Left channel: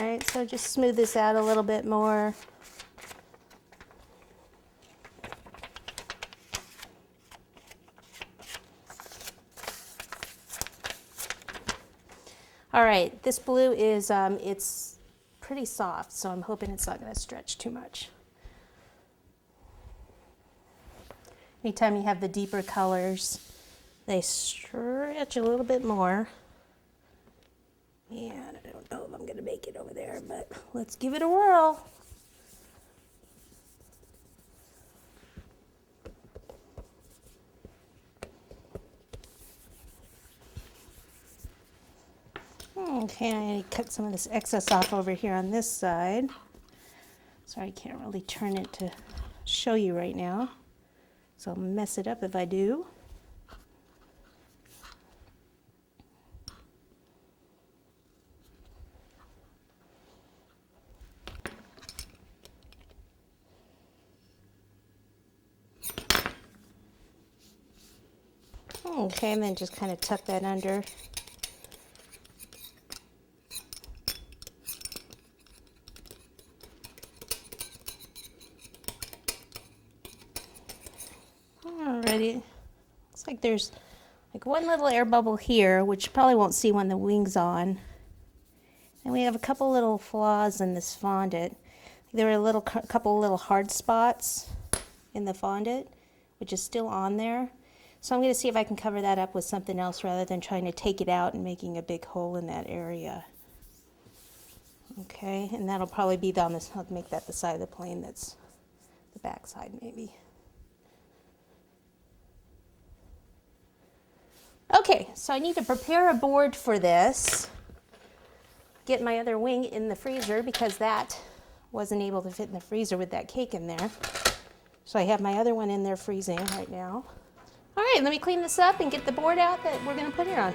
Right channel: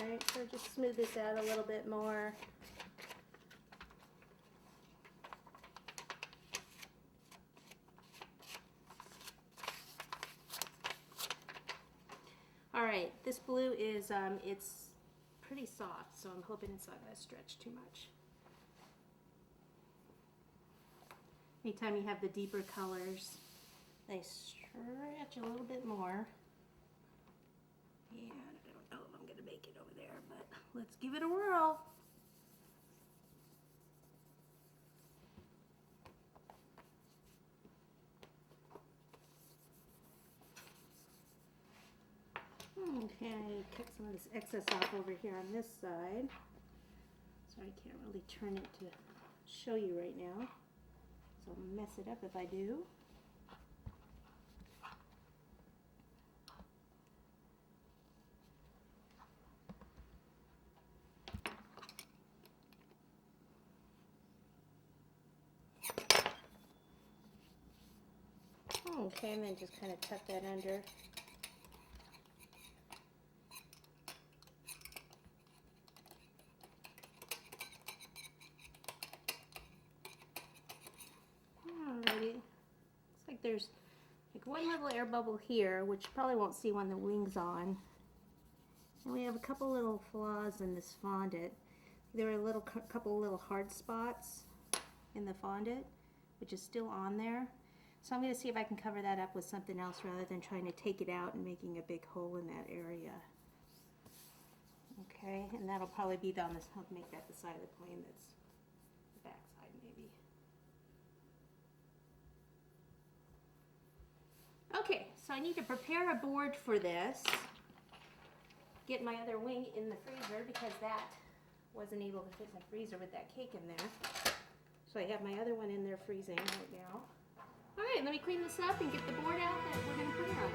right, so just smooth this out a little bit more. All right, this blue is, it's pretty soft, so I'm hoping it's not going to stretch too much. Anytime you have the deeper colors, they stretch a little bit more. And I don't know if I'm going to make it over there, but let's give it a whirl. Okay, I cut some of this excess off over here on this side. Sorry, I can't really turn it to show you right now, so I'll mess it up if I do. Okay, and then just kind of tuck that under. Alrighty, looks like there's like one little air bubble here, which you probably won't see when the wing's on. And we have a couple little flaws in this fondant. There are a couple little hard spots in the fondant, which is still on there. So I'm going to see if I can cover that up with something else rather than trying to take it out and making a big hole in that area. Okay, and that'll probably be on this, I'll make that the side of the plane that's the back side maybe. Okay, so I need to prepare a board for this. Get my other wing in the freezer because that wasn't able to fit in the freezer with that cake in there. So I have my other one in there freezing right now. All right, let me clean this up and get the board out that we're going to put it on.